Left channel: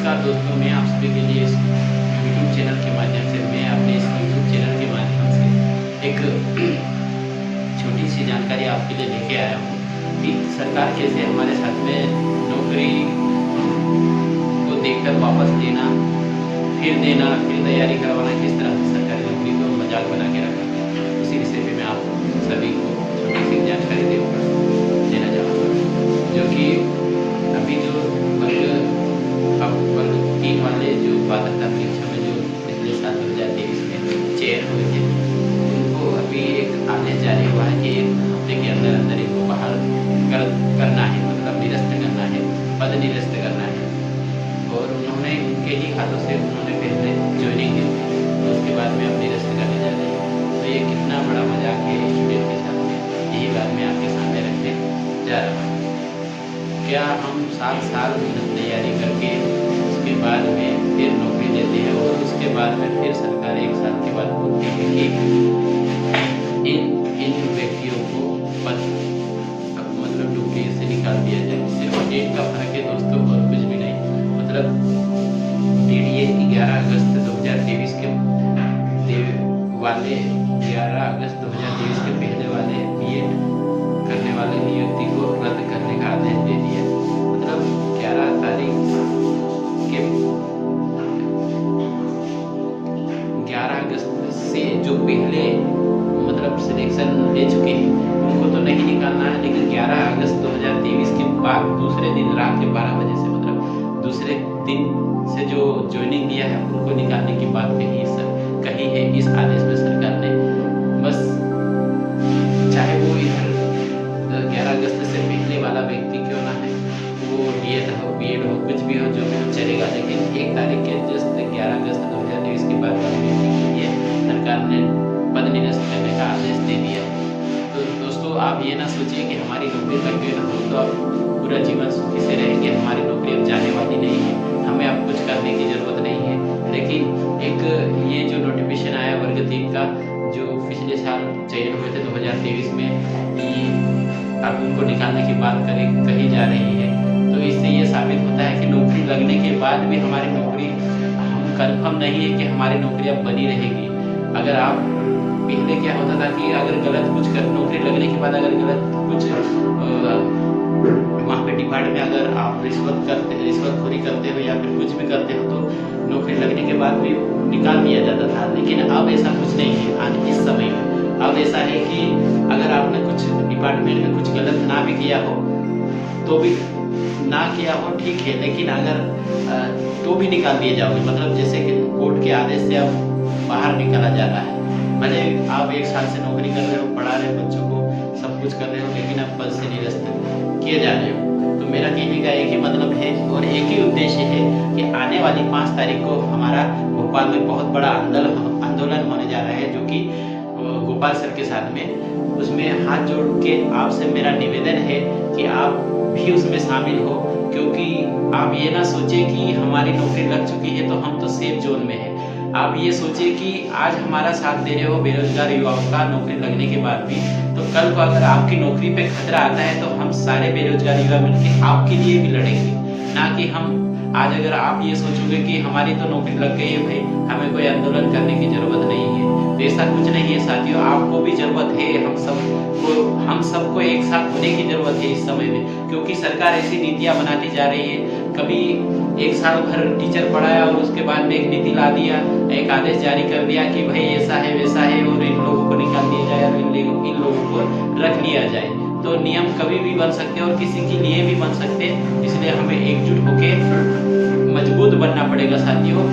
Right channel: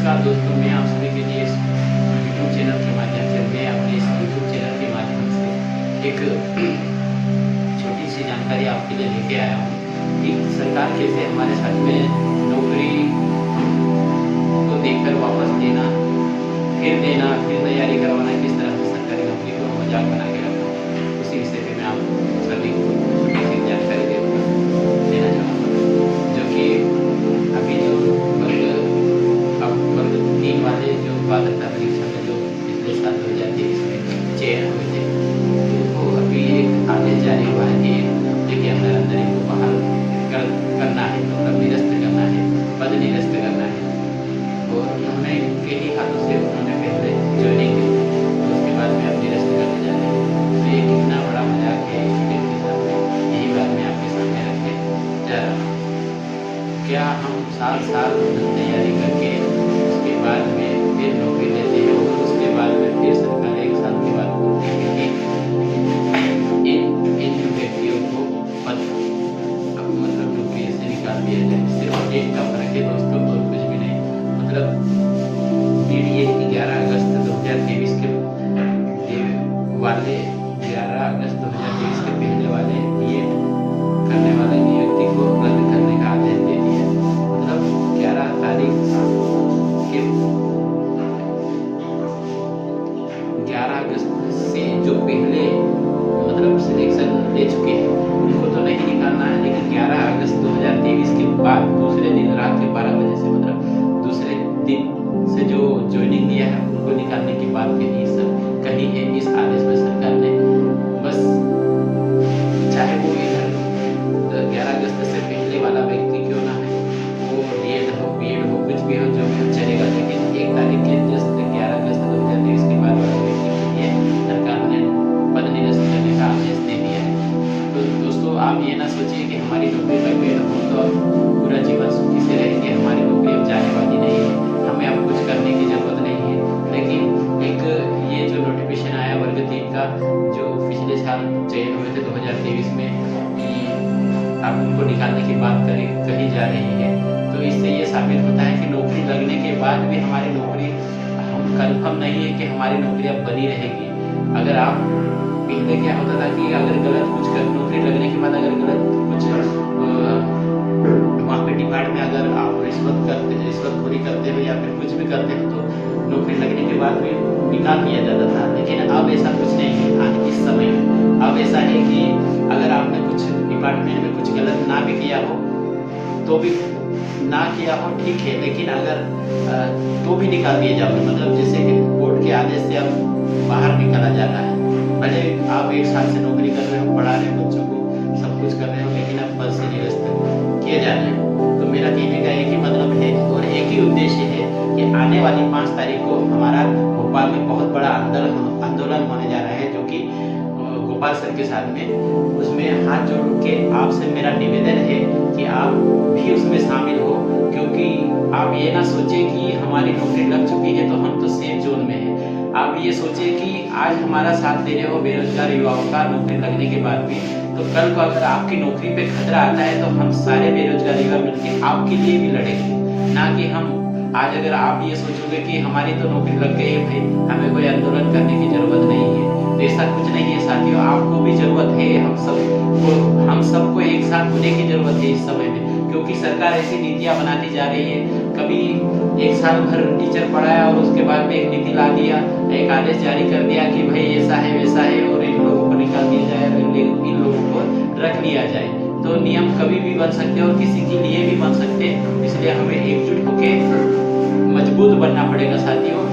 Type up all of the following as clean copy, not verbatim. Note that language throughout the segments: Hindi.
नमस्कार दोस्तों, मैं आप सभी के लिए इस यूट्यूब चैनल के माध्यम से एक छोटी सी जानकारी आपके लिए लेके आया हूँ कि सरकार कैसे हमारे साथ में नौकरी को देखकर वापस लेना, फिर देना, फिर तैयारी करवाना, किस तरह से सरकारी नौकरी को मजाक बना के रखना। उसी विषय पे मैं आप सभी को छोटी सी जानकारी देना चाहूँगा, जो कि अभी जो वर्ग 3 वाले जो पात्रता परीक्षा में जो पिछले साल 2023 में चयन हुए थे, उनको अभी एक आदेश जारी हुआ है कि 1 हफ्ते के अंदर अंदर इनको बाहर करना है, मतलब निरस्त करना है, पद निरस्त करना है। और उन्होंने उनके ही हाथों से उन्होंने पहले ज्वाइनिंग दी थी, तो उसके बाद में अब निरस्त करने जा रहे हैं। तो ये कितना बड़ा मजाक है स्टूडेंट के साथ में, यही बात मैं आपके सामने रखने जा रहा हूँ। क्या हम साल तैयारी करके उसके बाद में फिर नौकरी लेते हैं और उसके बाद में फिर सरकार 1 साल के बाद बोलती है कि इन व्यक्तियों को पद मतलब नौकरी से निकाल दिया जाए। सिर्फ डेट का फर्क है दोस्तों, और कुछ भी नहीं। मतलब डेट ये 11 अगस्त 2023 के वाले 11 अगस्त 2023 के पहले वाले बीएड करने वाले नियुक्ति को रद्द करने का आदेश दे दिया। मतलब 11 तारीख के 11 अगस्त से जो पहले मतलब सिलेक्शन ले चुके हैं उनको तो नहीं निकालना है, लेकिन 11 अगस्त 2023 के बाद दूसरे दिन रात के 12 बजे से, मतलब दूसरे दिन से जो ज्वाइनिंग लिया है उनको निकालने की बात कही है इस आदेश में सरकार ने। बस चाहे वो इधर 11 अगस्त से पहले वाला व्यक्ति क्यों ना है, वो डीएड हो, बीएड हो, कुछ भी हो, जो भी हो चलेगा, लेकिन 1 तारीख के जस्ट 11 अगस्त 2023 के बाद वाले व्यक्ति के लिए सरकार ने पद निरस्त करने का आदेश दे दिया है। तो दोस्तों, आप ये ना सोचिए कि हमारी नौकरी लग गई तो हम तो अब पूरा जीवन सुखी से रहेंगे, हमारी नौकरी अब जाने वाली नहीं है, हमें अब कुछ करने की ज़रूरत नहीं है। लेकिन एक ये जो नोटिफिकेशन आया वर्ग 3 का, जो पिछले साल चयन हुए थे 2023 में, अब उनको निकालने की बात कही जा रही है। तो इससे ये साबित होता है कि नौकरी लगने के बाद भी हमारी नौकरी, हम कंफर्म नहीं है कि हमारी नौकरी अब बनी रहेगी। अगर आप पहले क्या होता था कि अगर गलत कुछ नौकरी लगने के बाद अगर गलत कुछ वहाँ पे डिपार्टमेंट में अगर आप रिश्वतखोरी करते हो या फिर कुछ भी करते हो तो नौकरी लगने के बाद भी निकाल दिया जाता था। लेकिन अब ऐसा कुछ नहीं है। आज इस समय में अब ऐसा है कि अगर आपने कुछ डिपार्टमेंट में कुछ गलत ना भी किया हो तो भी ना किया हो ठीक है, लेकिन अगर तो भी निकाल दिए जाओगे। मतलब जैसे कि कोर्ट के आदेश से अब बाहर निकाला जा रहा है। भले आप 1 साल से नौकरी कर रहे हो, पढ़ा रहे हो बच्चों को, सब कुछ कर रहे हो, लेकिन अब पद से निरस्त किए जा रहे हो। तो मेरा कहने का एक ही मतलब है और एक ही उद्देश्य है कि आने वाली 5 तारीख को हमारा भोपाल में बहुत बड़ा आंदोलन होने जा रहा है, जो कि गोपाल सर के साथ में। उसमें हाथ जोड़ के आपसे मेरा निवेदन है कि आप भी उसमें शामिल हो, क्योंकि आप ये ना सोचे कि हमारी नौकरी लग चुकी है तो हम तो सेफ जोन में है। आप ये सोचिए कि आज हमारा साथ दे रहे हो बेरोजगार युवाओं का नौकरी लगने के बाद भी, तो कल को अगर आपकी नौकरी पे खतरा आता है तो हम सारे बेरोजगार युवा मिलकर आपके लिए भी लड़ेंगे। ना कि हम आज अगर आप ये सोचोगे कि हमारी तो नौकरी लग गई है भाई, हमें कोई आंदोलन करने की जरूरत नहीं है, तो ऐसा कुछ नहीं है साथियों। आपको भी जरूरत है, हम सबको एक साथ होने की जरूरत है इस समय में, क्योंकि सरकार ऐसी नीतियां बनाती जा रही है। कभी 1 साल भर टीचर पढ़ाया और उसके बाद में एक नीति ला दिया, एक आदेश जारी कर दिया कि भाई ऐसा है वैसा है और इन लोगों को निकाल दिया जाए और इन लोगों को रख लिया जाए। तो नियम कभी भी बन सकते हैं और किसी के लिए भी बन सकते हैं, इसलिए हमें एकजुट होकर मजबूत बनना पड़ेगा साथियों।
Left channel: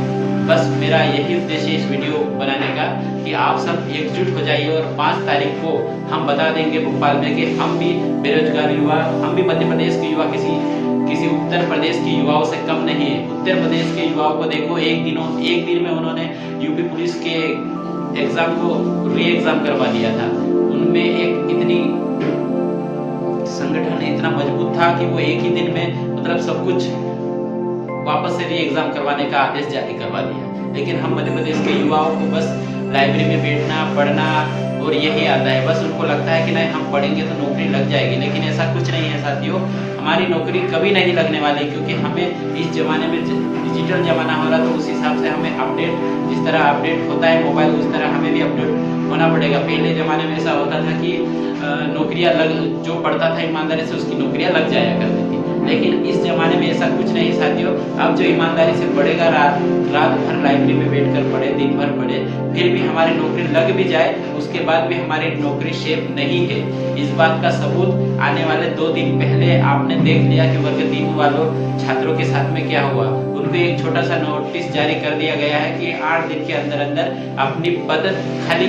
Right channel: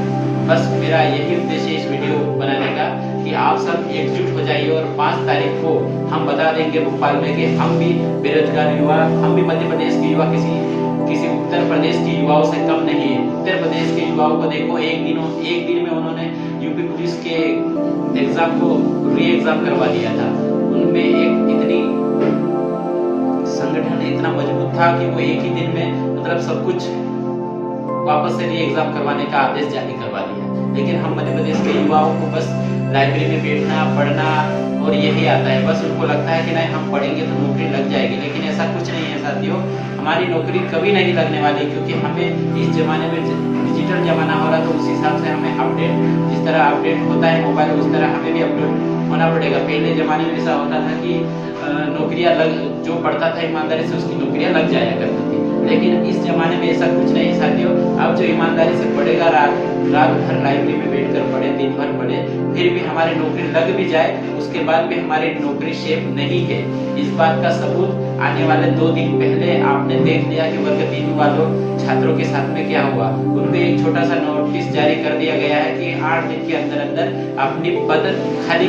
बस मेरा यही उद्देश्य है इस वीडियो बनाने का कि आप सब एकजुट हो जाइए और 5 तारीख को हम बता देंगे भोपाल में कि हम भी बेरोजगार युवा, हम भी मध्य प्रदेश के युवा किसी उत्तर प्रदेश के युवाओं से कम नहीं है। उत्तर प्रदेश के युवाओं को देखो, एक दिन में उन्होंने यूपी पुलिस के एग्जाम को री एग्जाम करवा दिया था। उनमें एक इतनी संगठन इतना मजबूत था कि वो एक ही दिन में मतलब सब कुछ वापस से री एग्जाम करवाने का आदेश जारी करवा दिया। लेकिन हम मध्य प्रदेश के युवाओं को बस लाइब्रेरी में बैठना, पढ़ना और यही आता है। बस उनको लगता है कि नहीं हम पढ़ेंगे तो नौकरी लग जाएगी, लेकिन ऐसा कुछ नहीं है साथियों। हमारी नौकरी कभी नहीं लगने वाली, क्योंकि हमें इस ज़माने में डिजिटल ज़माना हो रहा, तो उस हिसाब से हमें अपडेट, जिस तरह अपडेट होता है मोबाइल, उस तरह हमें भी अपडेट होना पड़ेगा। पहले ज़माने में ऐसा होता था कि नौकरियाँ जो पढ़ता था ईमानदारी से उसकी नौकरियाँ लग जाया करती थी, लेकिन इस ज़माने में ऐसा कुछ नहीं साथियों। अब जो ईमानदारी से पढ़ेगा, रात भर लाइब्रेरी में बैठकर पढ़े, दिन भर पढ़े, फिर भी हमारी नौकरी लग भी जाए, उसके बाद भी हमारी नौकरी सेफ नहीं है। इस बात का सबूत आने वाले 2 दिन पहले आपने देख लिया कि वर्ग 3 वालों छात्रों के साथ में क्या हुआ। उनको एक छोटा सा नोटिस जारी कर दिया गया है कि 8 दिन के अंदर अंदर अपनी पद खाली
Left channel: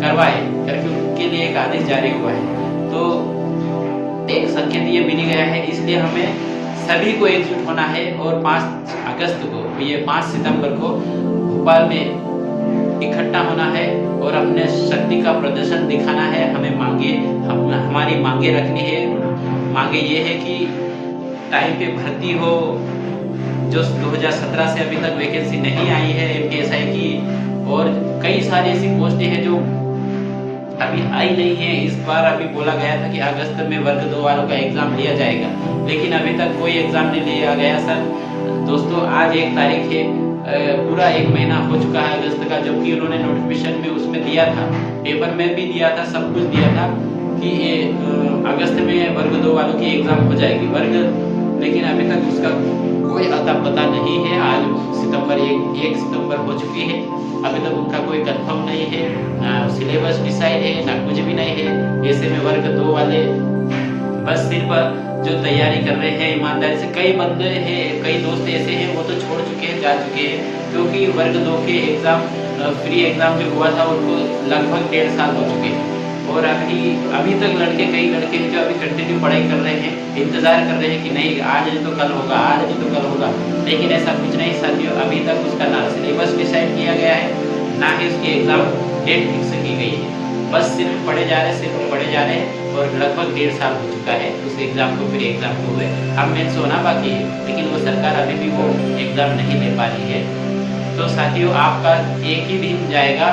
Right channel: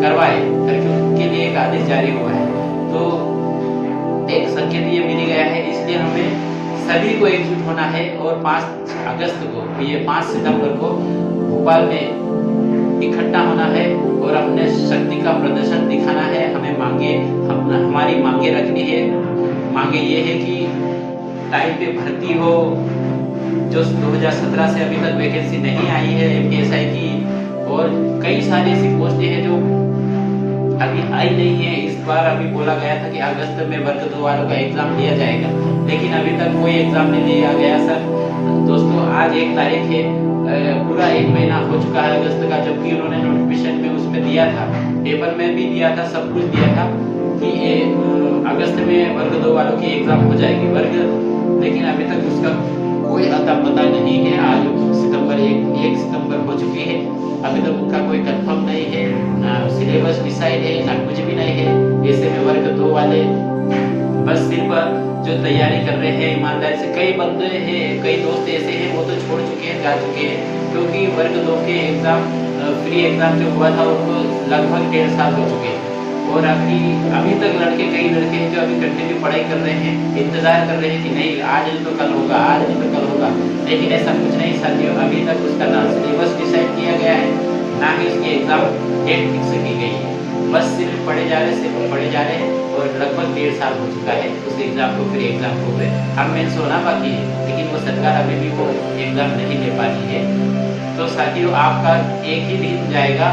करवाए करके उनके लिए एक आदेश जारी हुआ है। तो एक संकेत ये मिल गया है, इसलिए हमें सभी को एकजुट होना है और 5 अगस्त को, ये 5 सितंबर को भोपाल में इकट्ठा होना है और अपने शक्ति का प्रदर्शन दिखाना है। हमें हमारी मांगे रखनी है। मांगे ये है कि टाइम पे भर्ती हो, जो 2017 से अभी तक वैकेंसी नहीं आई है MPSI की, और कई सारी ऐसी पोस्टें हैं जो अभी आई नहीं है। इस बार अभी बोला गया था कि अगस्त में वर्ग 2 वालों का एग्जाम लिया जाएगा, लेकिन अभी तक कोई एग्जाम नहीं लिया गया सर। दोस्तों आज 1 तारीख है, पूरा 1 महीना हो चुका है अगस्त का, जबकि उन्होंने नोटिफिकेशन में उसमें दिया था, पेपर में भी दिया था, सब कुछ दिया था कि अगस्त में वर्ग 2 वालों की एग्जाम हो जाएगी लेकिन अभी तक उसका कोई अता पता नहीं है। आज सितंबर 1 सितंबर हो चुकी है, अभी तक उनका कोई कंफर्म नहीं है, ना सिलेबस डिसाइड है, ना कुछ भी नहीं है। ऐसे में वर्ग 2 वाले बस सिर्फ जो तैयारी कर रहे हैं ईमानदारी से, कई बंदे हैं, कई दोस्त ऐसे हैं वो तो छोड़ चुके हैं, जा चुके हैं, क्योंकि वर्ग 2 के एग्जाम फ्री एग्जाम जो हुआ था उनको लगभग 1.5 साल हो चुके हैं। और अभी तक कई लड़के हैं जो अभी कंटिन्यू पढ़ाई कर रहे हैं, इंतजार कर रहे हैं कि नहीं आज नहीं तो कल होगा, आज नहीं तो कल होगा, लेकिन ऐसा कुछ नहीं साथियों। अभी तक उसका ना सिलेबस डिसाइड किया गया है, ना ही उसकी एग्जाम डेट फिक्स की गई है। बस सिर्फ पढ़े जा रहे हैं और लगभग 1.5 साल हो चुका है उस एग्जाम को, फिर एग्जाम को हुए। अब मेंस होना बाकी है, लेकिन वो सरकार अभी भी वो एग्जाम नहीं ले पा रही है। तो साथियों आपका एक ही दिन जाएगा,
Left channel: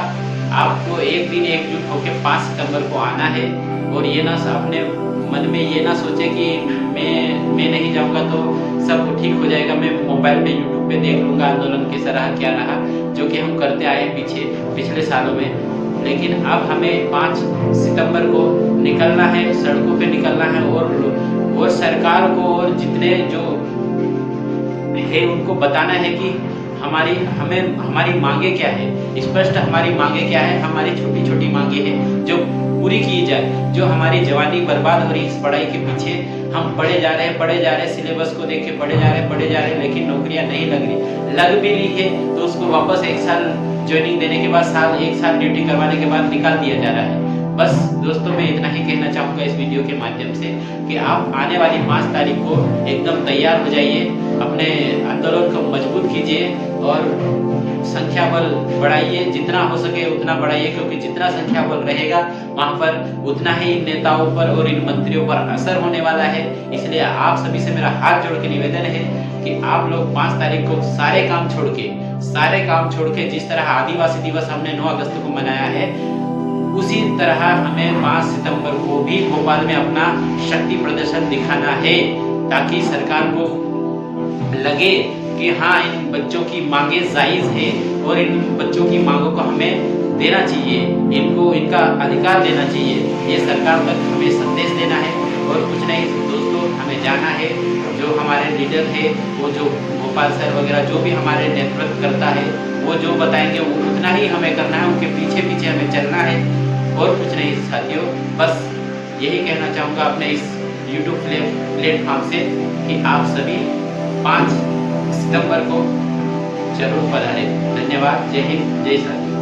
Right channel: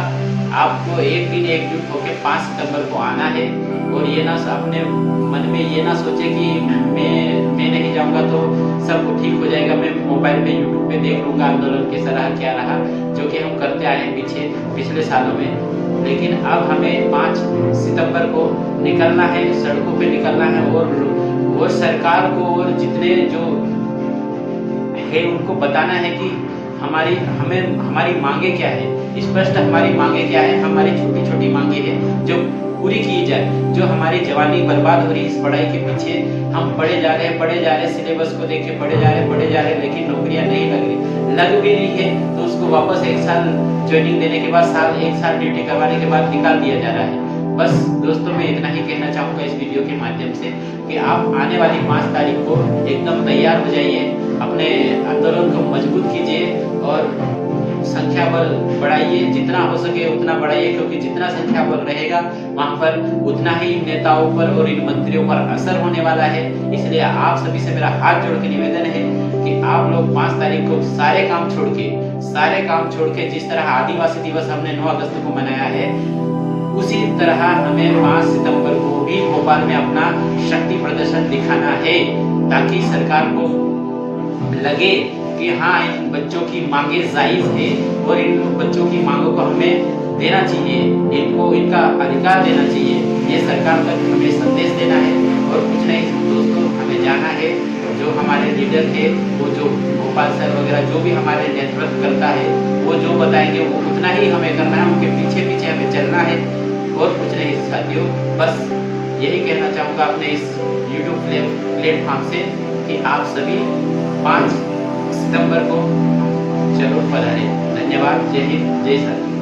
आपको एक दिन एकजुट होकर 5 सितंबर को आना है। और ये ना अपने मन में ये ना सोचे कि मैं नहीं जाऊंगा तो सब ठीक हो जाएगा, मैं मोबाइल पे यूट्यूब पे देख लूंगा आंदोलन कैसा रहा क्या रहा, जो कि हम करते आए हैं पिछले सालों में। लेकिन अब हमें 5 सितंबर को निकलना है, सड़कों पे निकलना है और सरकार को और जितने जो है उनको बताना है कि हमारी मांगे क्या है, स्पष्ट हमारी मांगे क्या है। हमारी छोटी छोटी मांगे हैं जो पूरी की जाए। जो हमारी जवानी बर्बाद हो रही है इस पढ़ाई के पीछे, हम पढ़े जा रहे हैं, सिलेबस को देख के पढ़े जा रहे हैं, लेकिन नौकरियां नहीं लग भी रही है, तो उसको वापस 1 साल ज्वाइनिंग देने के बाद 1 साल ड्यूटी करवाने के बाद निकाल दिया जा रहा है। बस दोस्तों मैं इतना ही कहना चाहूँगा इस वीडियो के माध्यम से कि आप आने वाली 5 तारीख को एकदम तैयार हो जाइए, अपने आंदोलन को मजबूत कीजिए और संख्या बल बढ़ाइए, जितना हो सके उतना बढ़ाइए, क्योंकि जितना संख्या बल रहेगा वहाँ पर उतना ही इन नेताओं पर और इन मंत्रियों पर असर होने वाला है। इसलिए आप सभी से मेरा हाथ जोड़ के निवेदन है कि आप लोग 5 तारीख को सारे काम छोड़ के जिस तरह आदिवासी दिवस हमने 9 अगस्त को मनाया है, उसी तरह हमें 5 सितंबर को भी भोपाल में अपना शक्ति प्रदर्शन दिखाना है, ताकि सरकार को लगे कि हाँ इन बच्चों की मांगे जायज है और इन बच्चों की मांगों को हमें देना चाहिए, इनको इनका अधिकार देना चाहिए। ये सरकार तक हमें संदेश देना है और कुछ नहीं दोस्तों, हमें जाना है। जो हमारे लीडर है, वो जो गोपाल सर वगैरह जो भी हमारे नेतृत्व करता है, वो जो बताएंगे वो उतना ही हमें करना है, उनके पीछे पीछे हमें चलना है और कुछ नहीं साथियों। बस यही कहना चाहूँगा अपने इस YouTube प्लेटफॉर्म से कि आप सभी 5 सितंबर को जरूर पधारें। धन्यवाद। जय हिंद, जय साथी।